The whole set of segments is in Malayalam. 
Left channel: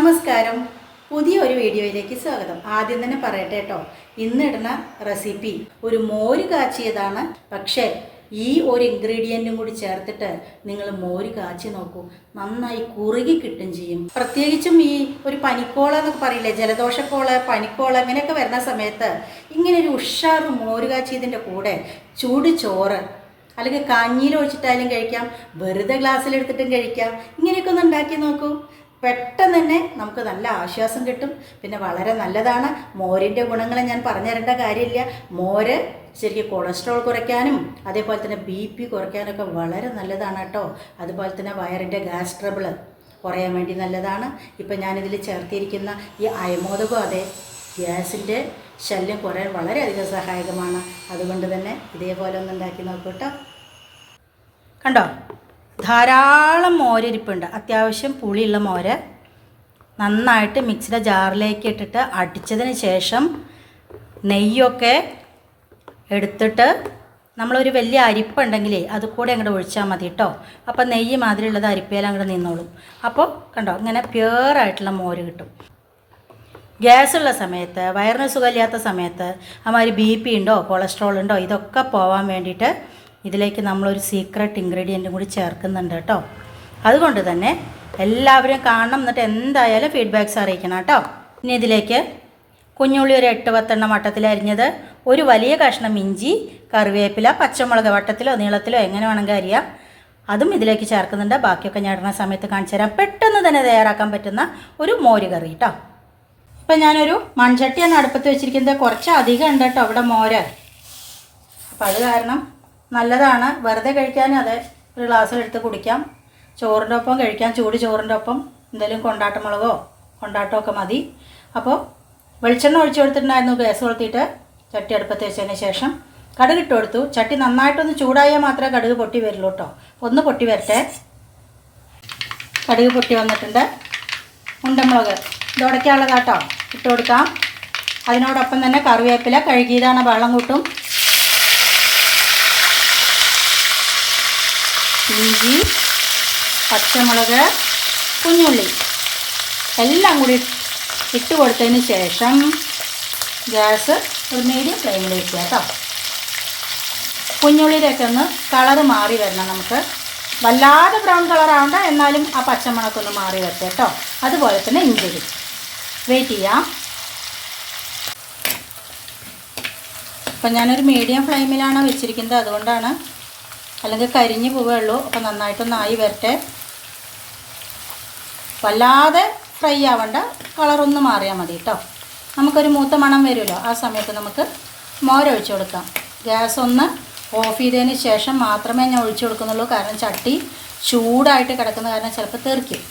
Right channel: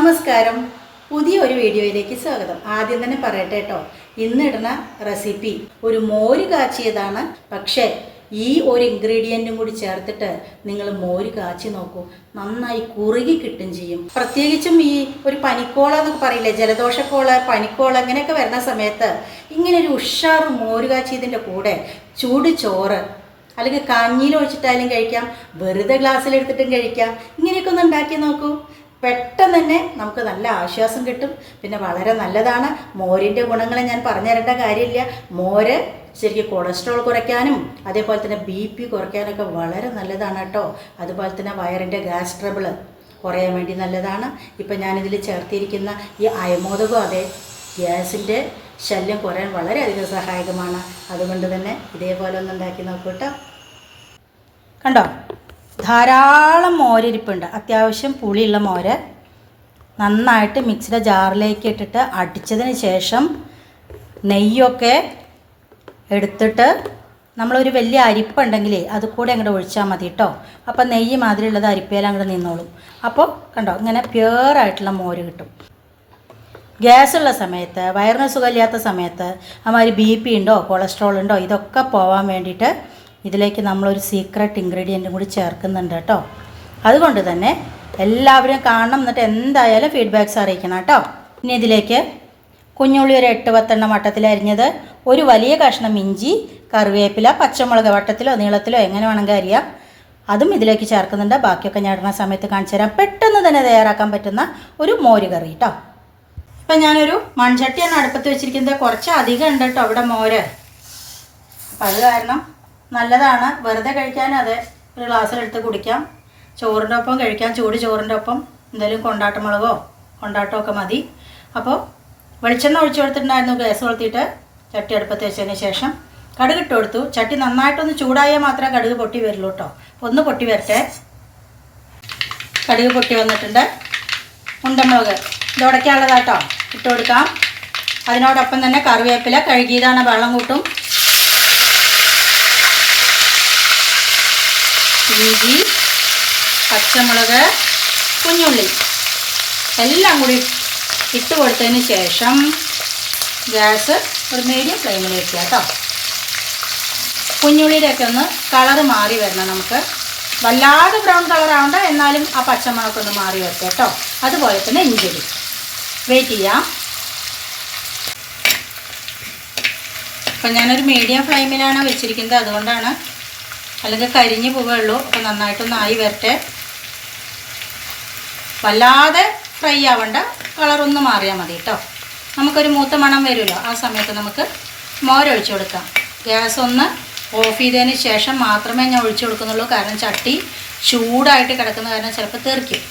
നമസ്കാരം. പുതിയ ഒരു വീഡിയോയിലേക്ക് സ്വാഗതം. ആദ്യം തന്നെ പറയട്ടെ കേട്ടോ, ഇന്നിടുന്ന റെസിപ്പി ഒരു മോര് കാച്ചിയതാണ്. പക്ഷേ ഈ ഒരു ഇൻഗ്രീഡിയൻറ്റും കൂടി ചേർത്തിട്ട് നിങ്ങൾ മോര് കാച്ചി നോക്കൂ, നന്നായി കുറുകി കിട്ടും ചെയ്യും. പ്രത്യേകിച്ചും ഈ ഒരു പനിക്കോള എന്നൊക്കെ പറയില്ലേ, ജലദോഷക്കോള, പനിക്കോള ഇങ്ങനെയൊക്കെ വരുന്ന സമയത്ത് ഇങ്ങനെ ഒരു ഉഷാറ് മോര് കാച്ചിയതിൻ്റെ കൂടെ ചൂട് ചോറ് അല്ലെങ്കിൽ കഞ്ഞിയിൽ ഒഴിച്ചിട്ടായാലും കഴിക്കാം, വെറുതെ ഗ്ലാസ്സിലെടുത്തിട്ടും കഴിക്കാം. ഇങ്ങനെയൊക്കെ ഒന്ന് ഉണ്ടാക്കി നോക്കൂ. പെട്ടെന്ന് തന്നെ നമുക്ക് നല്ല ആശ്വാസം കിട്ടും. പിന്നെ വളരെ നല്ലതാണ്. മോരിൻ്റെ ഗുണങ്ങൾ ഞാൻ പറഞ്ഞു തരേണ്ട കാര്യമില്ല. മോര് ശരിക്കും കൊളസ്ട്രോൾ കുറയ്ക്കാനും അതേപോലെ തന്നെ BP കുറയ്ക്കാനൊക്കെ വളരെ നല്ലതാണ് കേട്ടോ. അതുപോലെ തന്നെ വയറിൻ്റെ ഗ്യാസ് ട്രബിൾ കുറയാൻ വേണ്ടി നല്ലതാണ്. ഇപ്പം ഞാനിതിൽ ചേർത്തിരിക്കുന്ന ഈ അയമോദകം അതെ ഗ്യാസിൻ്റെ ശല്യം കുറയാൻ വളരെയധികം സഹായകമാണ്. അതുകൊണ്ട് തന്നെ ഇതേപോലെ ഒന്ന് ഉണ്ടാക്കി നോക്കൂ കേട്ടോ. കണ്ടോ, ധാരാളം മോരിരിപ്പുണ്ട്. അത്യാവശ്യം പുളിയുള്ള മോര് നന്നായിട്ട് മിക്സിയുടെ ജാറിലേക്ക് ഇട്ടിട്ട് അടിച്ചതിന് ശേഷം നെയ്യൊക്കെ എടുത്തിട്ട് നമ്മളൊരു വലിയ അരിപ്പുണ്ടെങ്കിലേ അത് കൂടെ അങ്ങോട്ട് ഒഴിച്ചാൽ മതി കേട്ടോ. അപ്പോൾ നെയ്യ് മാതിരിയുള്ളത് അരിപ്പയിൽ അങ്ങോട്ട് നിന്നോളും. അപ്പോൾ കണ്ടോ, ഇങ്ങനെ പ്യുവറായിട്ടുള്ള മോര് കിട്ടും. ഗ്യാസുള്ള സമയത്ത്, വയറിന് സുഖമില്ലാത്ത സമയത്ത്, അതുമാതിരി BP ഉണ്ടോ കൊളസ്ട്രോൾ ഉണ്ടോ ഇതൊക്കെ പോകാൻ വേണ്ടിയിട്ട് ഇതിലേക്ക് നമ്മളൊരു സീക്രട്ട് ഇൻഗ്രീഡിയൻറ്റും കൂടി ചേർക്കുന്നുണ്ട് കേട്ടോ. അതുകൊണ്ട് തന്നെ എല്ലാവരും കാണണം, എന്നിട്ട് എന്തായാലും ഫീഡ്ബാക്ക്സ് അറിയിക്കണം കേട്ടോ. ഇനി ഇതിലേക്ക് കുഞ്ഞുള്ളി ഒരു 8-10 വട്ടത്തിൽ അരിഞ്ഞത്, ഒരു വലിയ കഷ്ണം ഇഞ്ചി, കറിവേപ്പില, പച്ചമുളക് വട്ടത്തിലോ നീളത്തിലോ എങ്ങനെ വേണമെങ്കിൽ അരിയാം, അതും ഇതിലേക്ക് ചേർക്കുന്നുണ്ട്. ബാക്കിയൊക്കെ ഞാൻ ഇടുന്ന സമയത്ത് കാണിച്ചു തരാം. പെട്ടെന്ന് തന്നെ തയ്യാറാക്കാൻ പറ്റുന്ന ഒരു മോര് കറി കേട്ടോ. ഇപ്പം ഞാനൊരു മൺചട്ടിയാണ് അടുപ്പത്ത് വെച്ചിരിക്കുന്നത്. കുറച്ച് അധികം ഉണ്ട് കേട്ടോ ഇവിടെ മോര്. അപ്പം അത് കാരണം നല്ലതാണ്. വെറുതെ കഴിക്കാൻ അതെ ഒരു ഗ്ലാസ്സിലെടുത്ത് കുടിക്കാം, ചോറിൻ്റെ ഒപ്പം കഴിക്കാം. ചൂട് ചോറിൻ്റെ ഒപ്പം എന്തെങ്കിലും കൊണ്ടാട്ടമുളകോ കൊണ്ടാട്ടമൊക്കെ മതി. അപ്പോൾ വെളിച്ചെണ്ണ ഒഴിച്ചു കൊടുത്തിട്ടുണ്ടായിരുന്നു. ഗ്യാസ് കൊളുത്തിയിട്ട് ചട്ടി അടുപ്പത്ത് വെച്ചതിന് ശേഷം കടുക് ഇട്ട് കൊടുത്തു. ചട്ടി നന്നായിട്ടൊന്ന് ചൂടായാൽ മാത്രമേ കടുക് പൊട്ടി വരുള്ളൂ കേട്ടോ. ഒന്ന് പൊട്ടി വരട്ടെ. കടുക് പൊട്ടി വന്നിട്ടുണ്ട്. ഉണ്ടമുളക് ഇത് ഉടയ്ക്കാനുള്ളതാട്ടോ, ഇട്ട് കൊടുക്കാം. അതിനോടൊപ്പം തന്നെ കറിവേപ്പില കഴുകിയതാണ്, വെള്ളം കൂട്ടും. ഇഞ്ചി, പച്ചമുളക്, കുഞ്ഞുള്ളി എല്ലാം കൂടി ഇട്ട് കൊടുത്തതിന് ശേഷം ഗ്യാസ് ഒരു മീഡിയം ഫ്ലെയിമിൽ വെക്കുക കേട്ടോ. കുഞ്ഞുള്ളിയുടെയൊക്കെ ഒന്ന് കളറ് മാറി വരണം. നമുക്ക് വല്ലാതെ ബ്രൗൺ കളറാവണ്ട, എന്നാലും ആ പച്ചമുളകൊന്ന് മാറി വരട്ടെ കേട്ടോ. അതുപോലെ തന്നെ ഇഞ്ചി വെയിറ്റ് ചെയ്യാം. അപ്പം ഞാനൊരു മീഡിയം ഫ്ലെയിമിലാണ് വെച്ചിരിക്കുന്നത്, അതുകൊണ്ടാണ്, അല്ലെങ്കിൽ കരിഞ്ഞ് പോവുകയുള്ളൂ. അപ്പം നന്നായിട്ടൊന്ന് ആയി വരട്ടെ. വല്ലാതെ ഫ്രൈ ആവണ്ട, കളറൊന്ന് മാറിയാൽ മതി കേട്ടോ. നമുക്കൊരു മൂത്ത മണം വരുമല്ലോ, ആ സമയത്ത് നമുക്ക് മോരൊഴിച്ച് കൊടുക്കാം. ഗ്യാസ് ഒന്ന് ഓഫ് ചെയ്തതിന് ശേഷം മാത്രമേ ഞാൻ ഒഴിച്ചു കൊടുക്കുന്നുള്ളൂ. കാരണം ചട്ടി ചൂടായിട്ട് കിടക്കുന്ന കാരണം ചിലപ്പോൾ തെറിക്കും.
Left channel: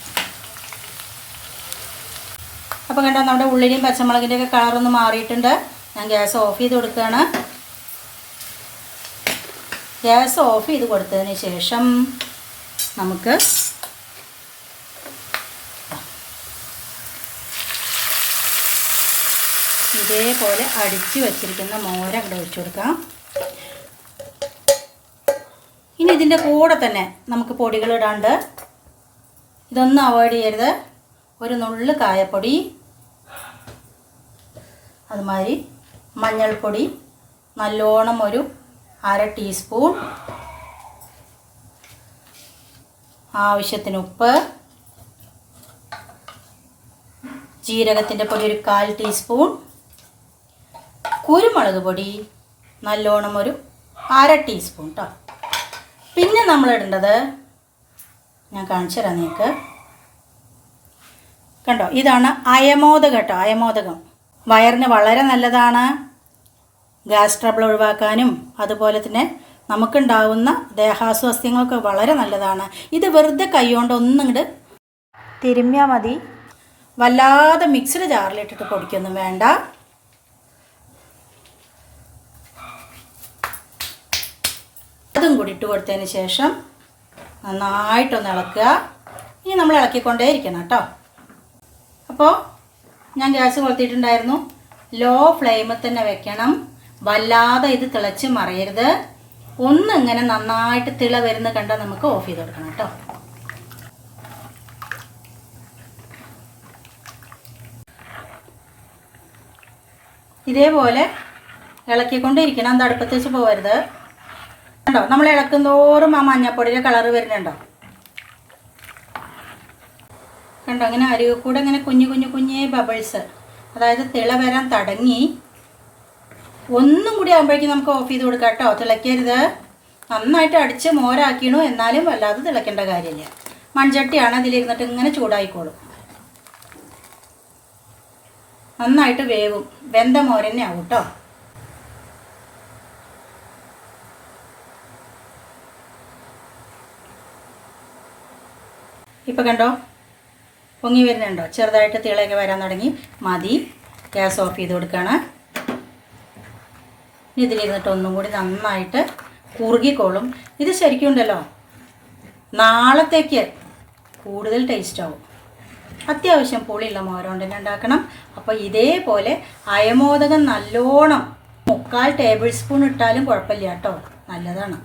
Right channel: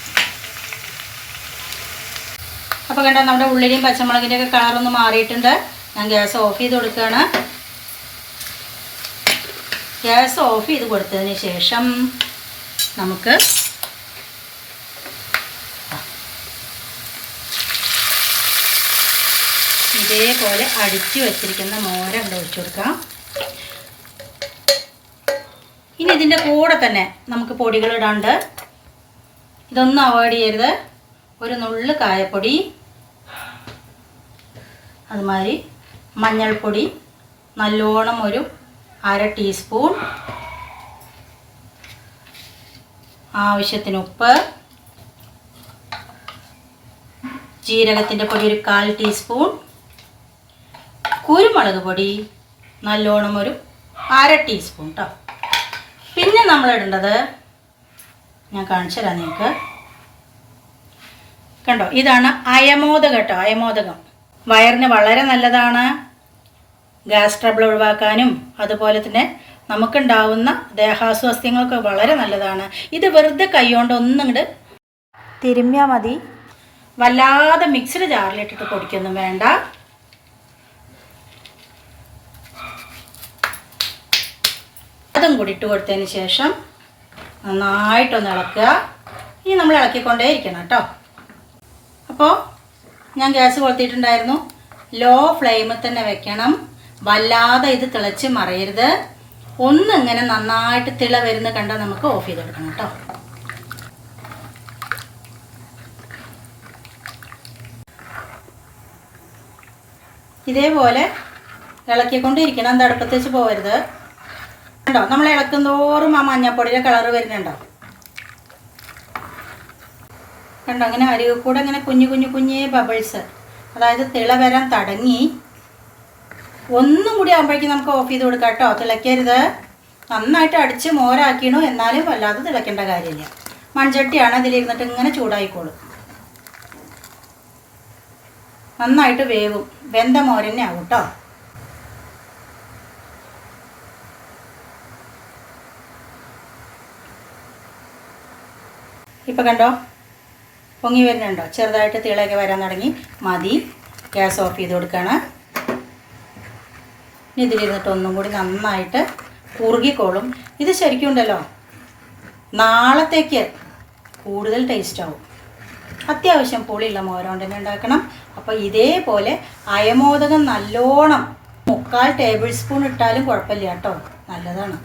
അപ്പോൾ കണ്ടോ, നമ്മുടെ ഉള്ളിലും പച്ചമുളകിൻ്റെയൊക്കെ കളറൊന്ന് മാറിയിട്ടുണ്ട്. ഞാൻ ഗ്യാസ് ഓഫ് ചെയ്ത് കൊടുക്കുകയാണ്. ഗ്യാസ് ഓഫ് ചെയ്ത് കൊടുത്തതിന് ശേഷം നമുക്ക് ഇതേപോലെ അടിച്ച് വെച്ചിരിക്കുന്ന മോര ഇവിടെ ഒഴിച്ചു കൊടുക്കാം. ഇനി ഇതിൻ്റെ കൂടെ തന്നെ നമുക്ക് പൊടികളിടാണ്ട്, ഇതൊന്നും അവോയ്ഡ് ചെയ്യരുത്. ഒരു നുള്ളു കായപ്പൊടി, അതുമാതിരി മഞ്ഞൾപ്പൊടി നല്ലോണം ഒരു 1/2 ടീസ്പൂൺ, ആവശ്യത്തിന് ഉപ്പ്, ജീരകത്തിൻ്റെ പൊടി ഒരു 1/4 ടീസ്പൂൺ, കുരുമുളക് പൊടി നല്ലോണം ഒരു 1/2 ടീസ്പൂൺ കേട്ടോ. പിന്നെ നമ്മളിടേണ്ടത് ഞാൻ കാണിച്ചു തരാം നിങ്ങൾക്ക്. കണ്ടോ, ഇതാണ് അയമോദകം കേട്ടോ. അയമോദകം വയറിന് വളരെ നല്ലതാണ്. ഗ്യാസ് ട്രബിൾ ഒഴിവാക്കാനും അതുപോലെ തന്നെ നമുക്കുണ്ടാവുന്ന ദേഹാസ്വാസ്ഥ്യങ്ങൾക്ക് വളരെ നല്ലതാണ്. ഇത് വെറുതെ കൈകൊണ്ട് ഒന്നിങ്ങോട്ട് തിരുമ്മിയാൽ മതി. വല്ലാതെ മിക്സിയുടെ ജാറിലിട്ടിട്ട് പൊടിക്കൊന്നും വേണ്ട. അതും കൂടി ഇട്ട് കൊടുത്തതിന് ശേഷം നന്നായിട്ടൊന്ന് ഇളക്കുക. ഇനി നമ്മൾ ഇളക്കിക്കൊണ്ടേ ഇരിക്കണം കേട്ടോ. അപ്പോൾ ഞാൻ ഗ്യാസ് കൊളുത്തിയിട്ടുണ്ടായിരുന്നു. ലോ ഫ്ലെയിമിൽ തന്നെ വെക്കണം. വല്ലാതെ ഇത് തിളച്ച് മറിയരുത്. ഒന്നിങ്ങനെ നന്നായിട്ട് തിള വരുന്ന കണ്ടാൽ നമുക്ക് ഓഫ് ചെയ്ത് കൊടുക്കണം കേട്ടോ. ഇതേപോലെ ഇളക്കിക്കൊണ്ടിരിക്കണം, അത് അടുപ്പത്ത് വെച്ച് പോകരുത്. കണ്ടോ, നമ്മൾ ഇളക്കുന്നോറും ആ മഞ്ഞപ്പൊടിയുടെ കളറ് വരുന്നുണ്ടോ? കണ്ടോ, അങ്ങനെ അരികെ കൂടെ ഇങ്ങനെ കുഞ്ഞേ ബബിൾസ്, അതായത് തിള വരാൻ തുടങ്ങി. ഒന്നും കൂടി ആകുമ്പോഴേക്കും നമുക്ക് ഓഫ് ചെയ്ത് കൊടുക്കാം കേട്ടോ. തിളയ്ക്കരുത്. നന്നായിട്ട് അടിച്ച് മോരാക്കിണു, എന്നാലും വല്ലാതെ തിളയ്ക്കേണ്ട കാര്യമില്ല. മൺചട്ടിയാണ്, അതിലിരുന്നിട്ട് ഇങ്ങനെ ചൂടായിക്കോളും. നന്നായിട്ട് വേവും. വെന്ത മോരന്നെ ആവും കേട്ടോ. ഇപ്പം കണ്ടോ, പൊങ്ങി വരുന്നുണ്ടോ? ചെറുതായിട്ട് തിളയൊക്കെ വരാൻ തുടങ്ങി. മതി, ഗ്യാസ് ഓഫ് ചെയ്ത് കൊടുക്കുകയാണ്. ഇനി ഇതിലിരുന്നിട്ട് ഒന്നും കൂടി നന്നായിട്ട് കുറുകിക്കോളും. ഇത് ശരിക്കും ഉണ്ടല്ലോ, നാളത്തേക്ക് കൂടുതൽ ടേസ്റ്റ് ആവും. അത്യാവശ്യം പുളിയുള്ള മോരുകൊണ്ട് തന്നെ ഉണ്ടാക്കണം. അപ്പോൾ ഇതേപോലെ അയമോദകം നല്ലോണം 3/4 ടേബിൾ സ്പൂൺ ഇട്ടാലും കുഴപ്പമില്ല കേട്ടോ, നല്ലതാണ്.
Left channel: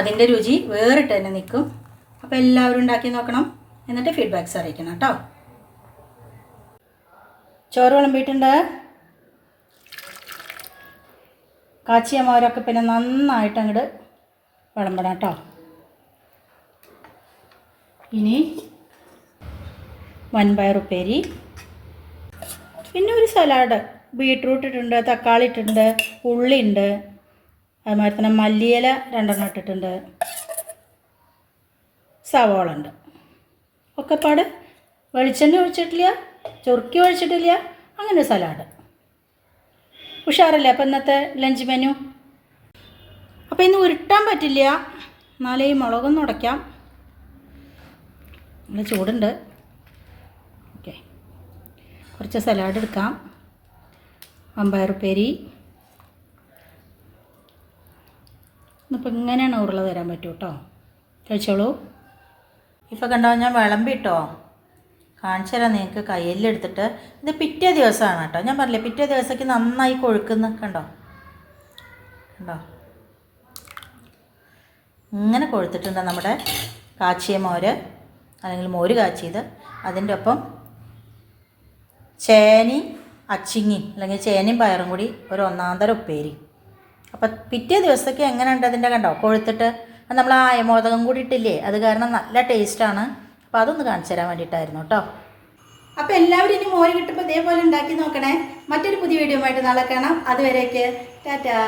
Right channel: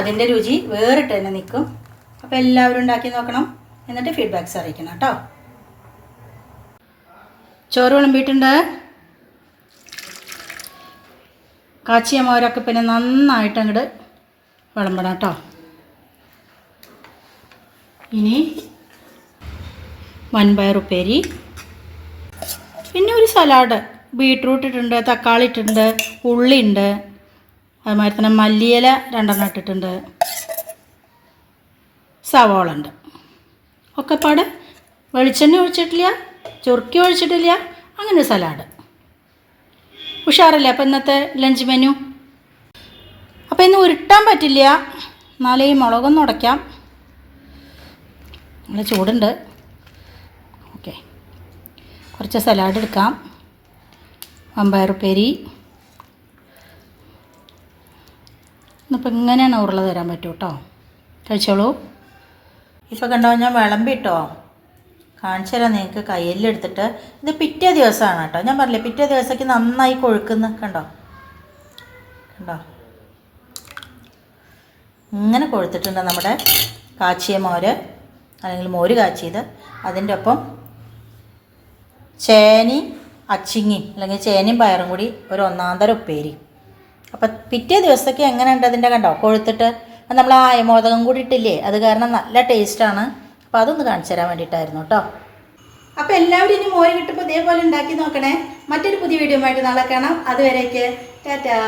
അതിൻ്റെ രുചി വേറിട്ട് തന്നെ നിൽക്കും. അപ്പോൾ എല്ലാവരും ഉണ്ടാക്കി നോക്കണം, എന്നിട്ട് ഫീഡ്ബാക്ക്സ് അറിയിക്കണം കേട്ടോ. ചോറ് വിളമ്പിയിട്ടുണ്ട്. കാച്ചിയ മോരൊക്കെ പിന്നെ നന്നായിട്ട് അങ്ങോട്ട് വിളമ്പണം കേട്ടോ. ഇനി വൻപയർ ഉപ്പേരി, പിന്നെ ഒരു സലാഡ്. ബീട്രൂട്ട് ഇട്ടിട്ടുണ്ട്, തക്കാളി ഇട്ടിട്ടുണ്ട്, ഉള്ളി ഉണ്ട്, അതുമാതിരി തന്നെ മല്ലിയില 2 ഇട്ടിട്ടുണ്ട്, സവാള ഉണ്ട്. ഒക്കെപ്പാട് വെളിച്ചെണ്ണ ഒഴിച്ചിട്ടില്ല, ചൊറുക്കി ഒഴിച്ചിട്ടില്ല, അങ്ങനെ സലാഡ്. ഉഷാറല്ലേ അപ്പോൾ ഇന്നത്തെ ലഞ്ച് മെനു? അപ്പോൾ ഇന്ന് ഉരുട്ടാൻ പറ്റില്ല, എന്നാലേ ഈ മുളകൊന്ന് ഉടയ്ക്കാം. നല്ല ചൂടുണ്ട്. ഓക്കെ, കുറച്ച് സലാഡ് എടുക്കാം. വൻപയർ ഉപ്പേരി. ഇന്നിപ്പോൾ ഇങ്ങനെയാണ് ഉരുള തരാൻ പറ്റും കേട്ടോ. കഴിച്ചോളൂ. ഇപ്പോൾ കണ്ടോ, ഞാൻ വിളമ്പിട്ടോ കാണിച്ചു തരാം നിങ്ങൾക്ക്. കയ്യിലെടുത്തിട്ട് ഇത് പിറ്റേ ദിവസമാണ് കേട്ടോ. ഞാൻ പറഞ്ഞില്ലേ, പിറ്റേ ദിവസത്തേക്ക് നന്നായി കൊഴുക്കുന്ന. കണ്ടോ കണ്ടോ, ഇങ്ങനെ കൊഴുത്തിട്ടുണ്ട് നമ്മുടെ കാച്ചിയ മോര്, അല്ലെങ്കിൽ മോര് കാച്ചിയത്. അതിൻ്റെ ഒപ്പം ചേനയും അച്ചിങ്ങയും അല്ലെങ്കിൽ ചേനയും പയറും കൂടി ഒരു 1/4 ഉപ്പേരി. അപ്പം പിറ്റേ ദിവസത്തേക്ക് എങ്ങനെ ഉണ്ട് അതിൻ്റെ? കണ്ടോ കൊഴുത്തിട്ട്. നമ്മൾ ആ അയമോദകം കൂടി ഇട്ടില്ലേ, അത് കാരണം നല്ല ടേസ്റ്റാണ്. അപ്പോൾ അതൊന്ന് കാണിച്ചു തരാൻ വേണ്ടിയിട്ടായിരുന്നു കേട്ടോ. അപ്പോൾ എല്ലാവരും ഇനി മോര് കിട്ടുമ്പോൾ ഇതേപോലെ ഉണ്ടാക്കി നോക്കണേ. മറ്റൊരു പുതിയ വീഡിയോ ആയിട്ട് നാളെ കാണാം. അതുവരേക്ക് ടാറ്റാ.